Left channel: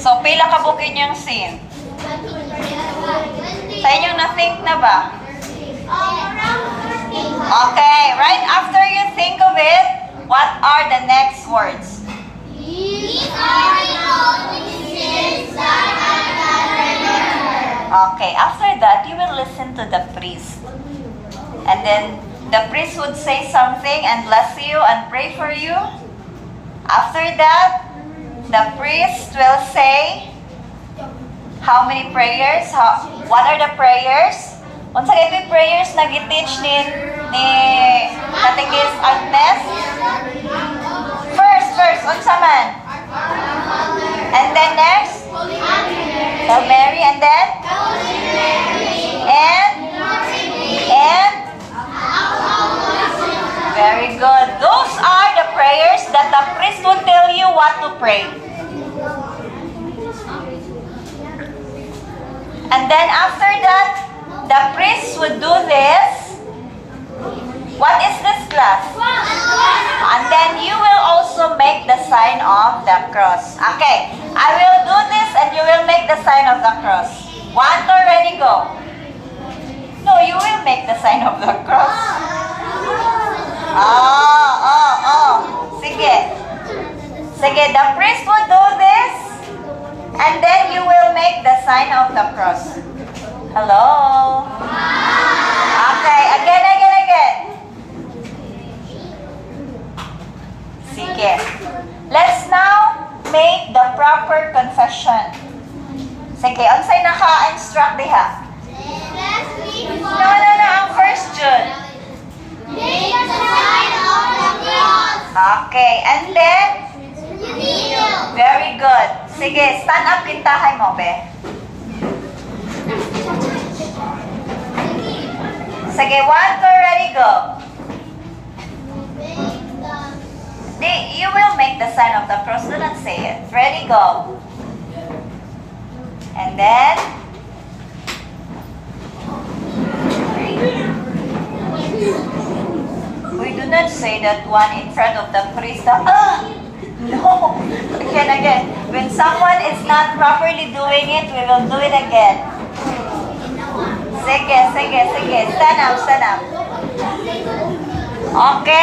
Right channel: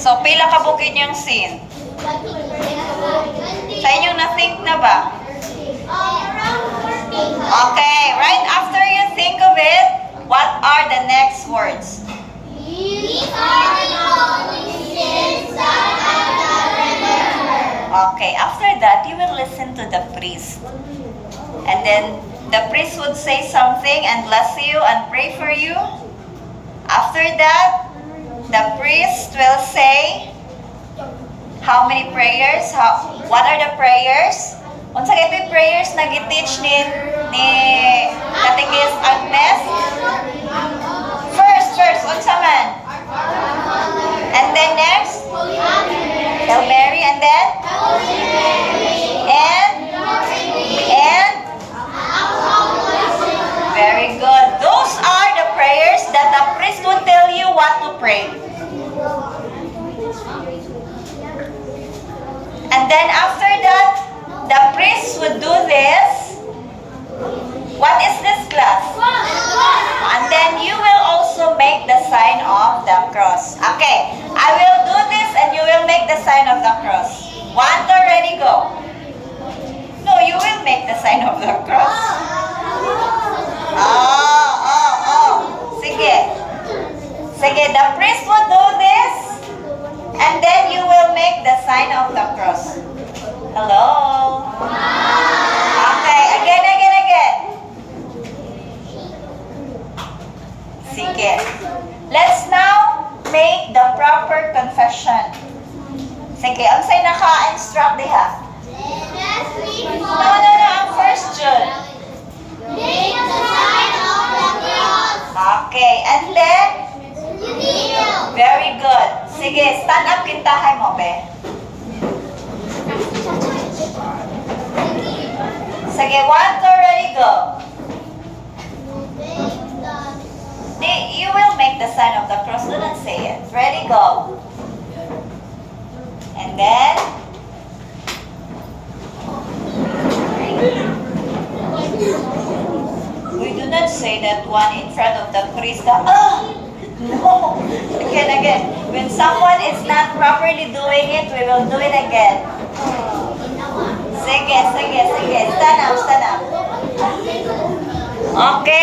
So, pila ka bukid yung sin? Sa inyong na-think na ba? Okay, right after you think of it, what are the next words? Okay, after that, you will listen to the priest. And then, the priest would say something and bless you and pray for you. After that, the priest will say, how many prayers? What are the prayers? Unsa kay prayers na gi-teach ni Catechist Agnes? First, unsa man? And then next? Hail Mary, and then? And? Very good. Those are the prayers that the priest will tell you what to pray. And then after that, the priest would do this. What is this class? And then you will also make the sign of the cross. Okay, I will do this and you will make the sign of the cross. 1, 2, ready, go. No, you will make the sign of the cross. Sige. Sige, the priest will do this and then you will make the sign of the cross. Hello? Okay, again. Sige. Let's now make the proper confession. Sige, unsay naka-instruct diha? No, ang first June. Okay, and then? Very good. Sige, stand up kintahay mo, be. Sige, 1, 2, ready, go. You will make the sign of the cross. Do not say it. Ready, go. And then? We do not say that one in front of the priest. No. Again. When someone is not properly doing it, we will do it again. Sige. Stand up. Okay.